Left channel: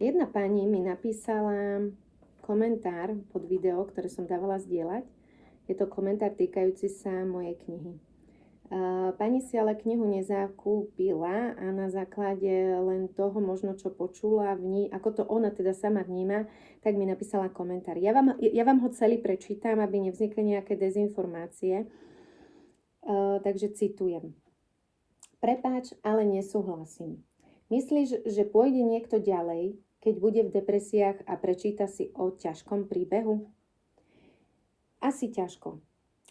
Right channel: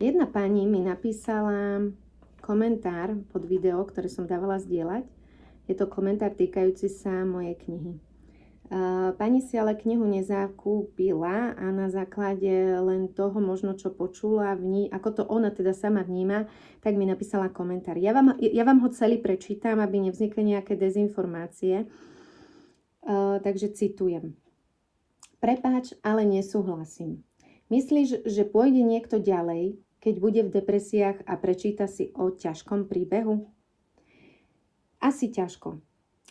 Jedna pani mi napísala komentár pod video, ktoré som dávala zdieľať. Je to komentár týkajúci sa mojej knihy. Pani si ale knihu nezakúpila a na základe len toho možno, čo počula ako to ona teda sama vníma, tak mi napísala komentár. Ja vám ho celý prečítam, aby nevznikli nejaké dezinformácie. Takže citujem. Prepáč, ale nesúhlasím. Myslíš, že pôjde niekto ďalej, keď bude v depresiách a prečíta si o ťažkom príbehu? Asi ťažko.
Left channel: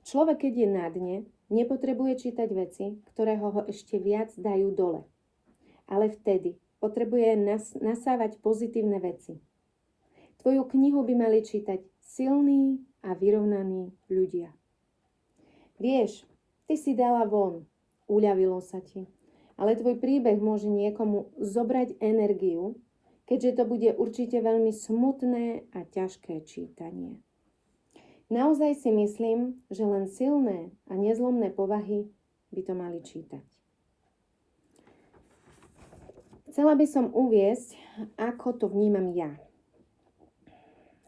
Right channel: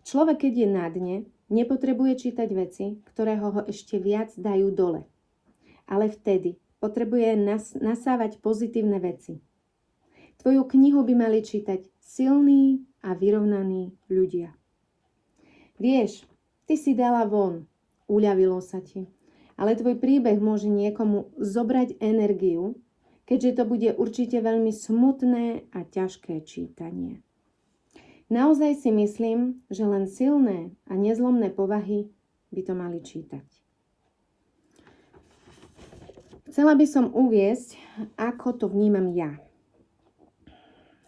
Človek, keď je na dne, nepotrebuje čítať veci, ktoré ho ešte viac dajú dole. Ale vtedy potrebuje nasávať pozitívne veci. Tvoju knihu by mali čítať silní a vyrovnaní ľudia. Vieš, ty si dala von, uľavilo sa ti, ale tvoj príbeh môže niekomu zobrať energiu, keďže to bude určite veľmi smutné a ťažké čítanie. Naozaj si myslím, že len silné a nezlomné povahy by to mali čítať. Chcela by som uviesť, ako to vnímam ja.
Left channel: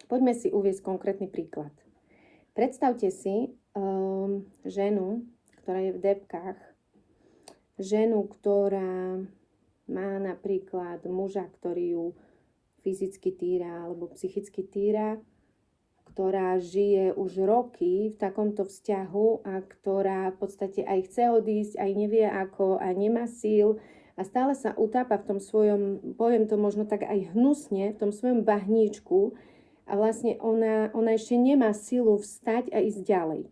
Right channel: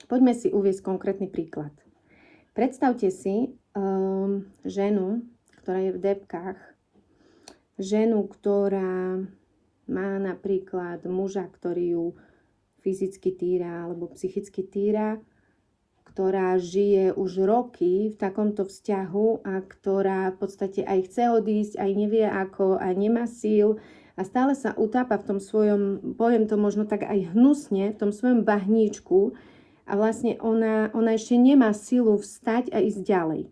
Poďme si uviesť konkrétny príklad. Predstavte si ženu, ktorá je v depkách, ženu, ktorá má napríklad muža, ktorý ju fyzicky týra alebo psychicky týra, ktorá žije už roky v takomto vzťahu a ktorá v podstate aj chce odísť, aj nevie ako, a nemá síl a stále sa utápa v tom svojom, poviem to možno tak aj hnusne, v tom svojom bahníčku a vlastne ona ešte nemá silu vstať a ísť ďalej.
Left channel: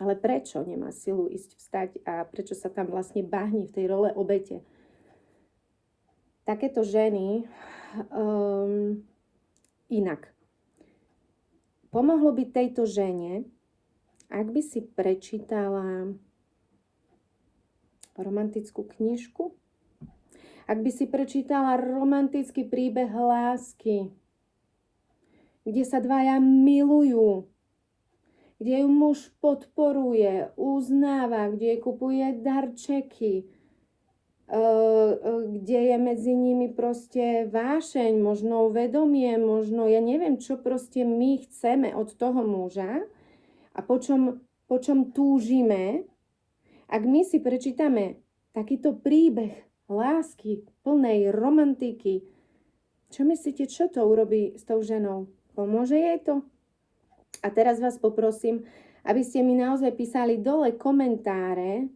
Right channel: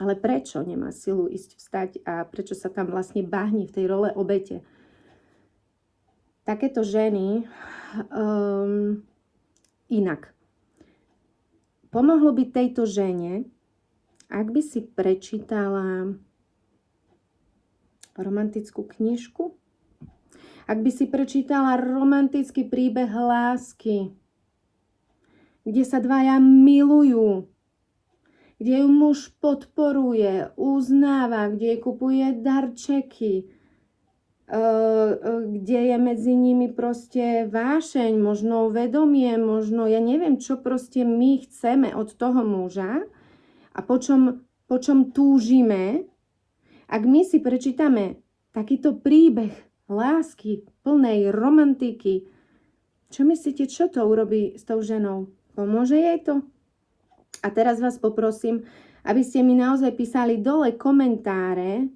Ale prečo nemá silu vstať a prečo sa tam vlastne bahní v tej role obete? Takéto ženy inak. Pomohlo by tejto žene, ak by si prečítala romantickú knižku, ak by si prečítala romantický príbeh lásky, kde sa dvaja milujú, kde ju muž podporuje, uznáva, kde jej kupuje darčeky, kde je medzi nimi proste vášeň, možno vedomie, možno ja neviem, čo proste my chceme od toho muža a po čom túžime. Ak my si prečítame takýto príbeh lásky, plnej romantiky, čo myslíte, čo to urobí s tou ženou? Pomôže jej to? A teraz vás poprosím, aby ste mi naozaj písali dole komentáre,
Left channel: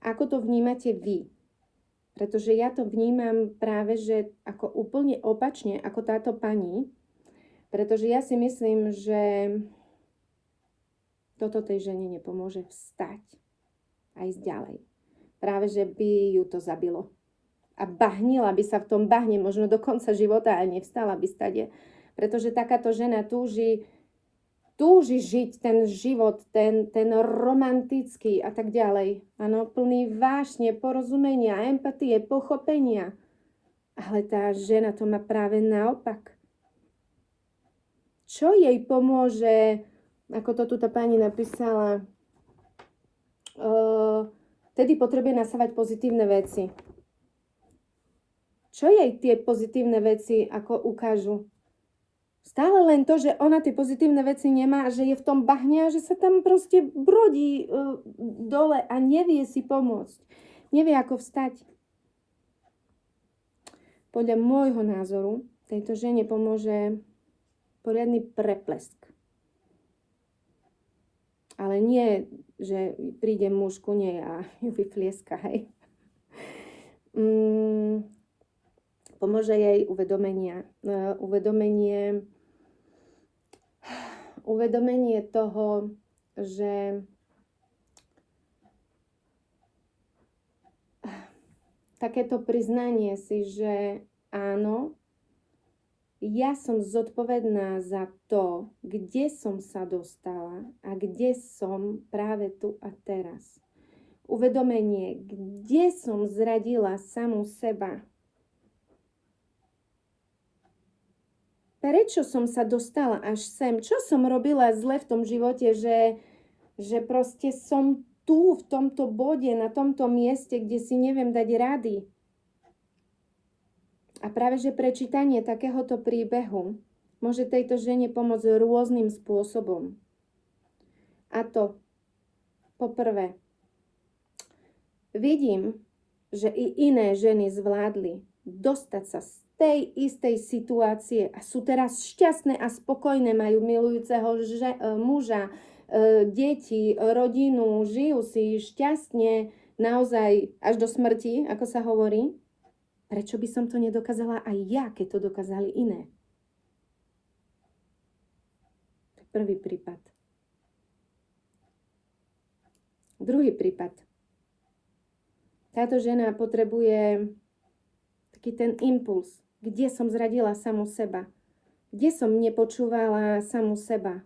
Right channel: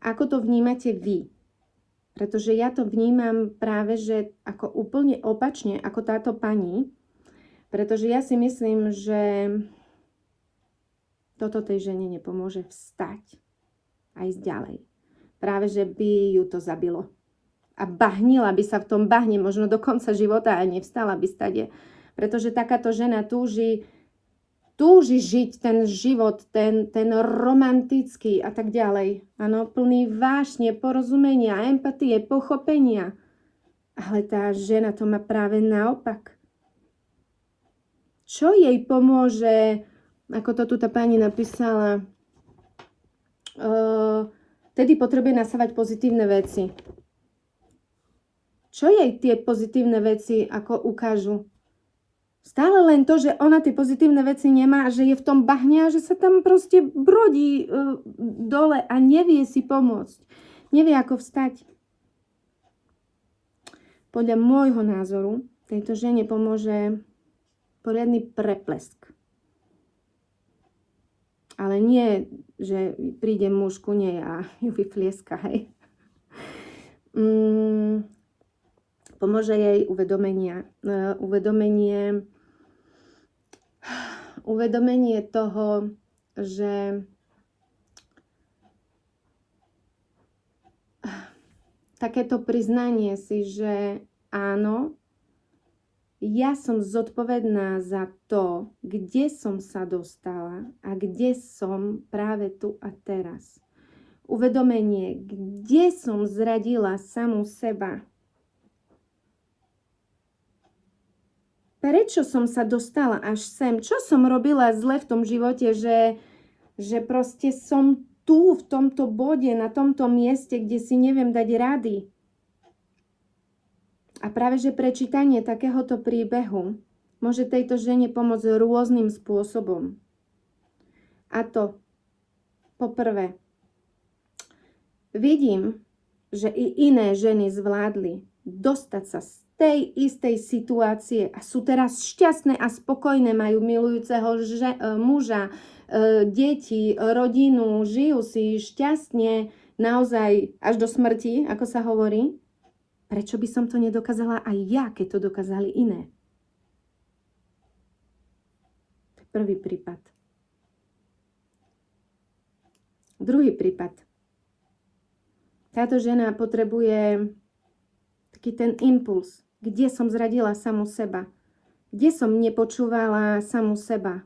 ako to vnímate vy. Pretože ja to vnímam práve, že ako úplne opačne, ako táto pani. Pretože ja si myslím, že toto tej žene nepomôže vstať a ísť ďalej. Práve, že by ju to zabilo. A bahnila by sa v tom bahne možno do konca života a nevstala by stade. Pretože takáto žena túži žiť ten život, ten romantický a tak ďalej. Áno, plný vášne, porozumenia, empatie, pochopenia. Ale tá žena to má práve naopak. Čo jej pomôže, ako to tu tá pani napísala, tedy potrebuje nasávať pozitívne veci. Čo jej tie pozitívne veci ako ukážu? Stále len to, že ona tie pozitívne veci nemá, že je v tom bahne a že sa tam proste brodí dole a nevie si pomôcť. Nevie, ako vstať. Podľa môjho názoru tejto žene pomôže poriadny preplesk. Ale nie, že príde muž ku nej a ju vyflieska, hej. Pomôže jej uvedomenie toho, že takéto priznanie si, že áno, ja som zodpovedná za to, kde som sa dostala a kde som práve tu a teraz. Uvedomenie, kde som zradila samú seba. Prečo som sa dostala až sem? Čo som robila zle v tom živote, že proste som tu, v tomto bode, na tomto mieste, kde si neviem dať rady? A práve, že prečítanie takéhoto príbehu môže tejto žene pomôcť rôznym spôsobom. A to, poprvé, vidím, že i iné ženy zvládli dostať sa z tej istej situácie a sú teraz šťastné a spokojné, majú milujúceho muža, deti, rodinu, žijú si šťastne, naozaj až do smrti, ako sa hovorí. Prečo by som to nedokázala aj ja, keď to dokázali iné? To je prvý prípad. Druhý prípad. Táto žena potrebuje taký ten impuls, kde som zradila samu seba, kde som nepočúvala samu seba.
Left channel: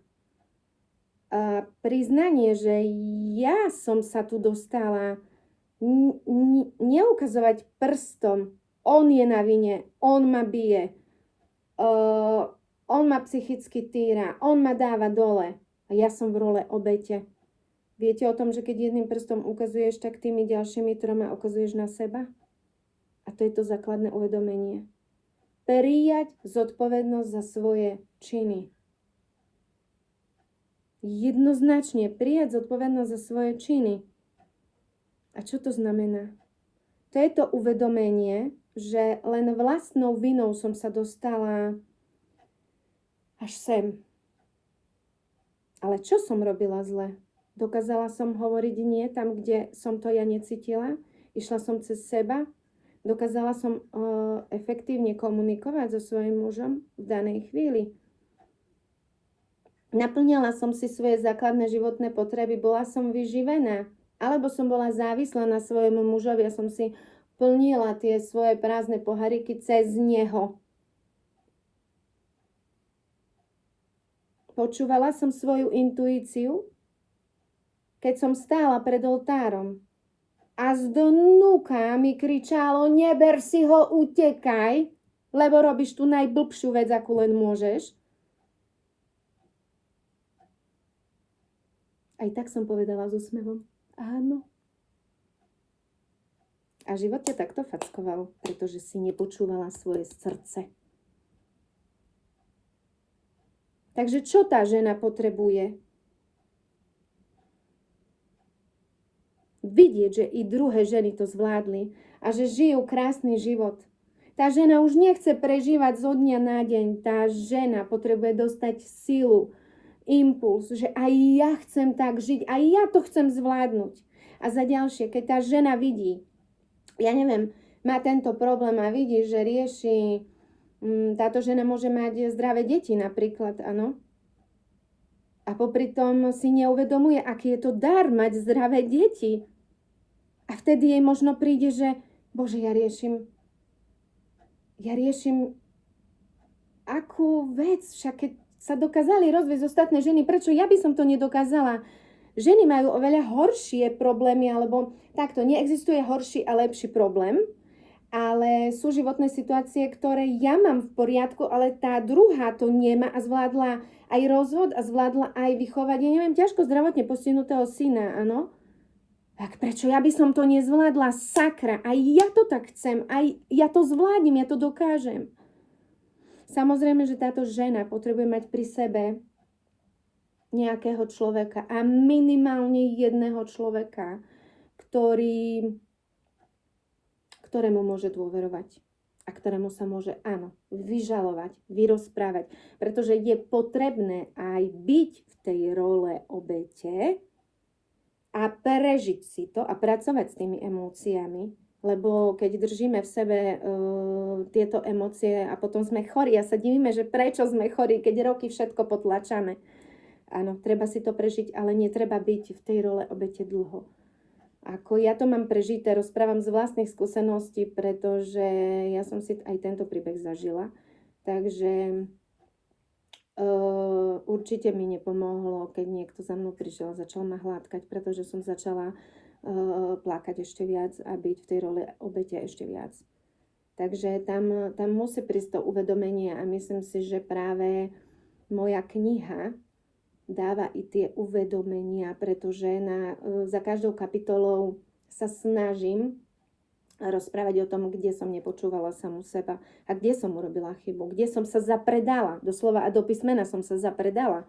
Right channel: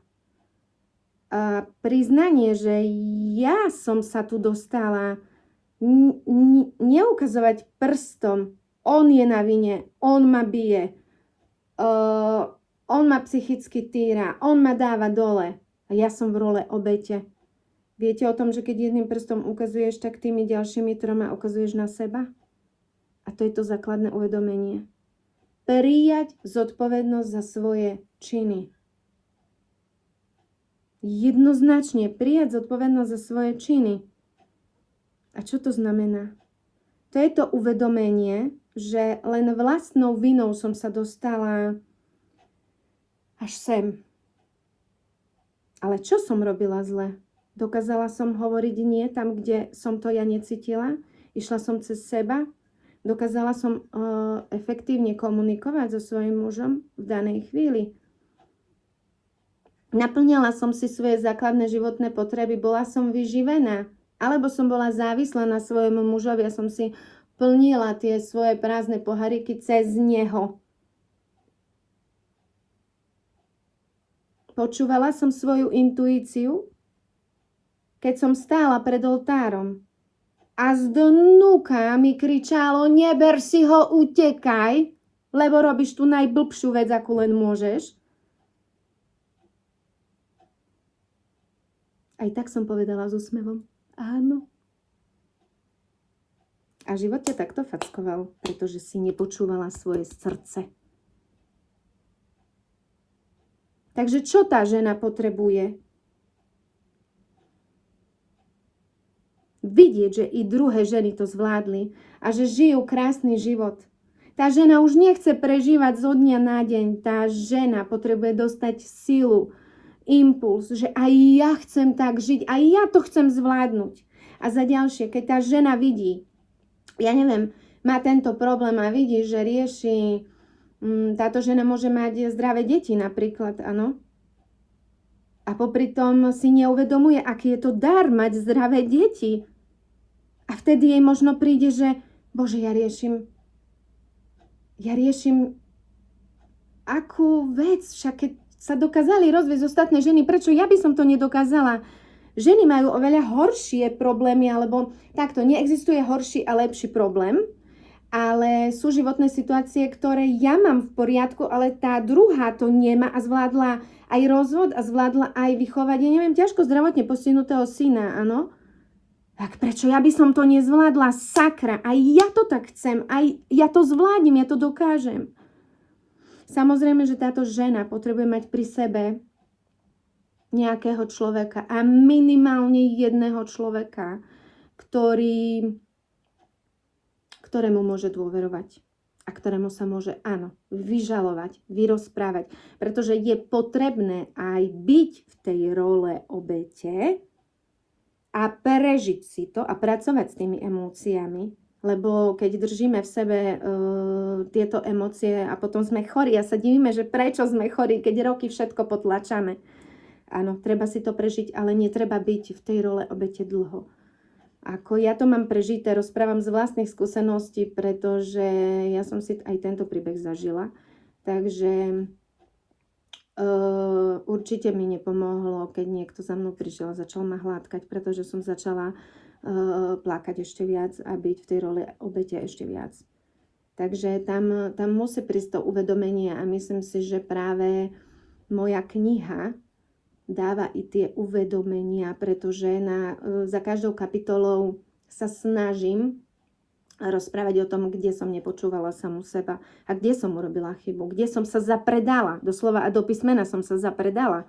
A priznanie, že ja som sa tu dostala, neukazovať prstom, on je na vine, on ma bije, on ma psychicky týra, on ma dáva dole a ja som v role obete. Viete o tom, že keď jedným prstom ukazuješ, tak tými ďalšími troma ukazuješ na seba? A to je to základné uvedomenie. Prijať zodpovednosť za svoje činy. Jednoznačne prijať zodpovednosť za svoje činy. A čo to znamená? To je to uvedomenie, že len vlastnou vinou som sa dostala až sem. Ale čo som robila zle? Dokázala som hovoriť nie tam, kde som to ja necítila? Išla som cez seba? Dokázala som efektívne komunikovať so svojím mužom v danej chvíli? Naplňala som si svoje základné životné potreby? Bola som vyživená? Alebo som bola závislá na svojom mužovi a som si plnila tie svoje prázdne poháriky cez neho. Počúvala som svoju intuíciu, keď som stála pred oltárom a zdnúka mi kričalo: neber si ho, utekaj, lebo robíš tú najblbšiu vec, akú len môžeš. Aj tak som povedala s úsmevom: áno. A život ťa takto fackoval, pretože si nepočúvala svoje srdce. Takže čo tá žena potrebuje? Vidieť, že i druhé ženy to zvládli a že žijú krásny život. Tá žena už nechce prežívať zo dňa na deň. Tá žena potrebuje dostať silu, impuls, že aj ja chcem tak žiť, aj ja to chcem zvládnuť. A za ďalšie, keď tá žena vidí, ja neviem, má tento problém a vidí, že rieši, táto žena môže mať zdravé deti napríklad, áno. A popri tom si neuvedomuje, aký je to dar mať zdravé deti. A vtedy jej možno príde, že Bože, ja riešim akú vec, však keď sa dokázali rozviesť ostatné ženy, prečo ja by som to nedokázala? Ženy majú oveľa horšie problémy, alebo takto, neexistuje horší a lepší problém, ale sú životné situácie, ktoré ja mám v poriadku, ale tá druhá to nemá a zvládla aj rozvod a zvládla aj vychovať, ja neviem, ťažko zdravotne postihnutého syna, áno? Tak prečo ja by som to nezvládla? Sakra, aj ja to tak chcem, aj ja to zvládnem, ja to dokážem. Samozrejme, že táto žena potrebuje mať pri sebe nejakého človeka a minimálne jedného človeka, ktorému môže dôverovať a ktorému sa môže, áno, vyžalovať, vyrozprávať, pretože je potrebné aj byť v tej role obete a prežiť si to a pracovať s tými emóciami, lebo keď držíme v sebe tieto emócie a potom sme chorí a sa divíme, že prečo sme chorí, keď roky všetko potlačame. Áno, treba si to prežiť, ale netreba byť v tej role obete dlho. Ako ja to mám prežité, rozprávam z vlastných skúseností, pretože ja som si aj tento príbeh zažila. Takže určite mi nepomohlo, keď niekto za mnou prišiel a začal ma hladkať, pretože som začala plakať ešte viac a byť v tej role obete ešte viac. Takže tam musí prísť to uvedomenie a myslím si, že práve moja kniha dáva i tie uvedomenia, pretože za každou kapitolou sa snažím rozprávať o tom, kde som nepočúvala samu seba a kde som urobila chybu, kde som sa zapredala, doslova a do písmena som sa zapredala.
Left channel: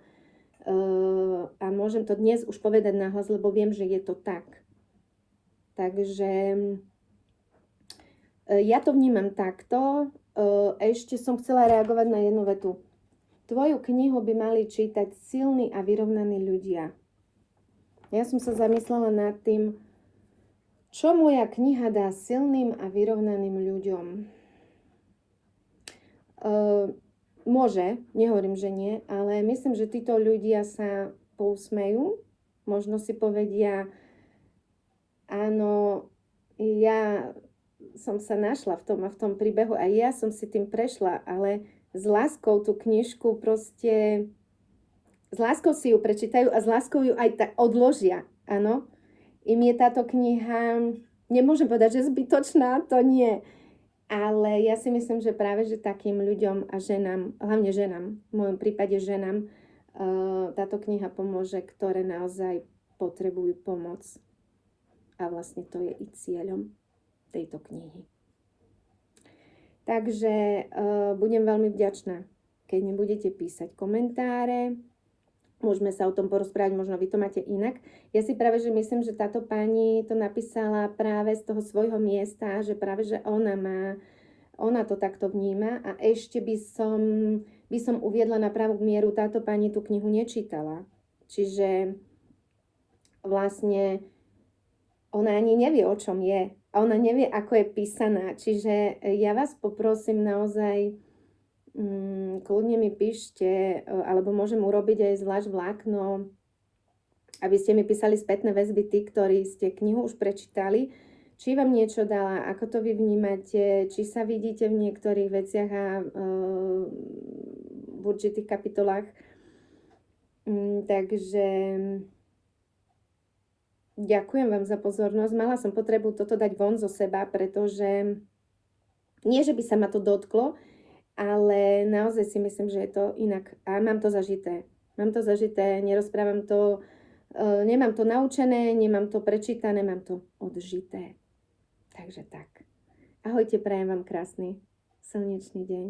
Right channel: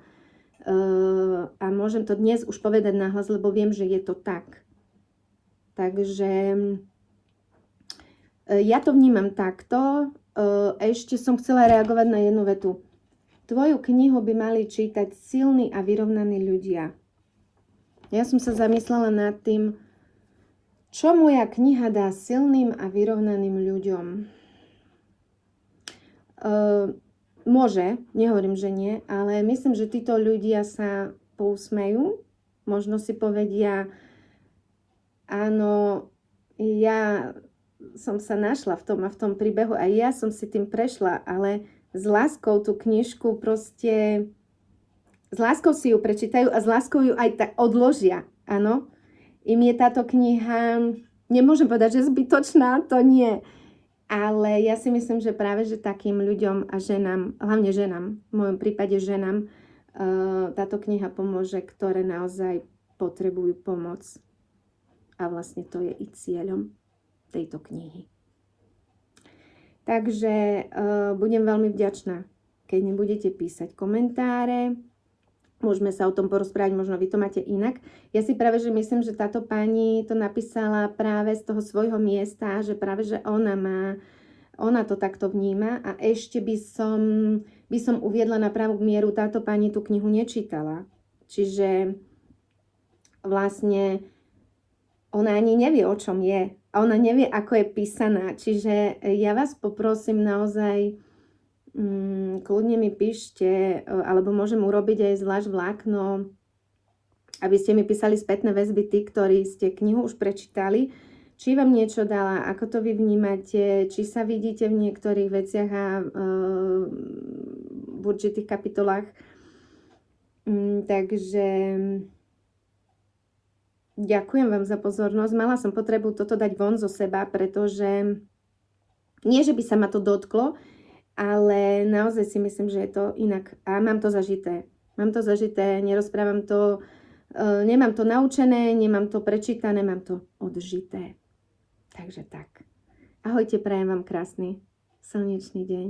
A môžem to dnes už povedať nahlas, lebo viem, že je to tak. Takže ja to vnímam takto. Ešte som chcela reagovať na jednu vetu. Tvoju knihu by mali čítať silní a vyrovnaní ľudia. Ja som sa zamyslela nad tým, čo moja kniha dá silným a vyrovnaným ľuďom. Môže, nehovorím, že nie, ale myslím, že títo ľudia sa pousmejú, možno si povedia, áno, ja som sa našla v tom a v tom príbehu a ja som si tým prešla, ale s láskou tú knižku proste, s láskou si ju prečítajú a s láskou ju aj tak odložia, áno. Im je táto kniha, nemôžem povedať, že zbytočná, to nie. Ale ja si myslím, že práve, že takým ľuďom a ženám, hlavne ženám, v mojom prípade ženám, táto kniha pomôže, ktoré naozaj potrebujú pomoc. A vlastne to je i cieľom tejto knihy. Takže budem veľmi vďačná, keď mi budete písať komentáre. Môžeme sa o tom porozprávať, možno vy to máte inak. Ja si práve, že myslím, že táto pani to napísala práve z toho svojho miesta, že práve, že ona to takto vníma a ešte by som uviedla na pravú mieru, táto pani tú knihu nečítala. Čiže vlastne ona ani nevie, o čom je. A ona nevie, ako je písaná. Čiže ja vás poprosím naozaj, kľudne mi píšte, alebo môžem urobiť aj zvlášť vlákno, aby ste mi písali spätné väzby tí, ktorí ste knihu už prečítali, či vám niečo dala, ako to vy vnímate, či sa vidíte v niektorých veciach a v určitých kapitolách. Takže ďakujem vám za pozornosť. Mala som potrebu toto dať von zo seba, pretože nie, že by sa ma to dotklo, ale naozaj si myslím, že je to inak. A mám to zažité. Nerozprávam to, nemám to naučené, nemám to prečítané, mám to odžité. Takže tak. Ahojte, prajem vám krásny slnečný deň.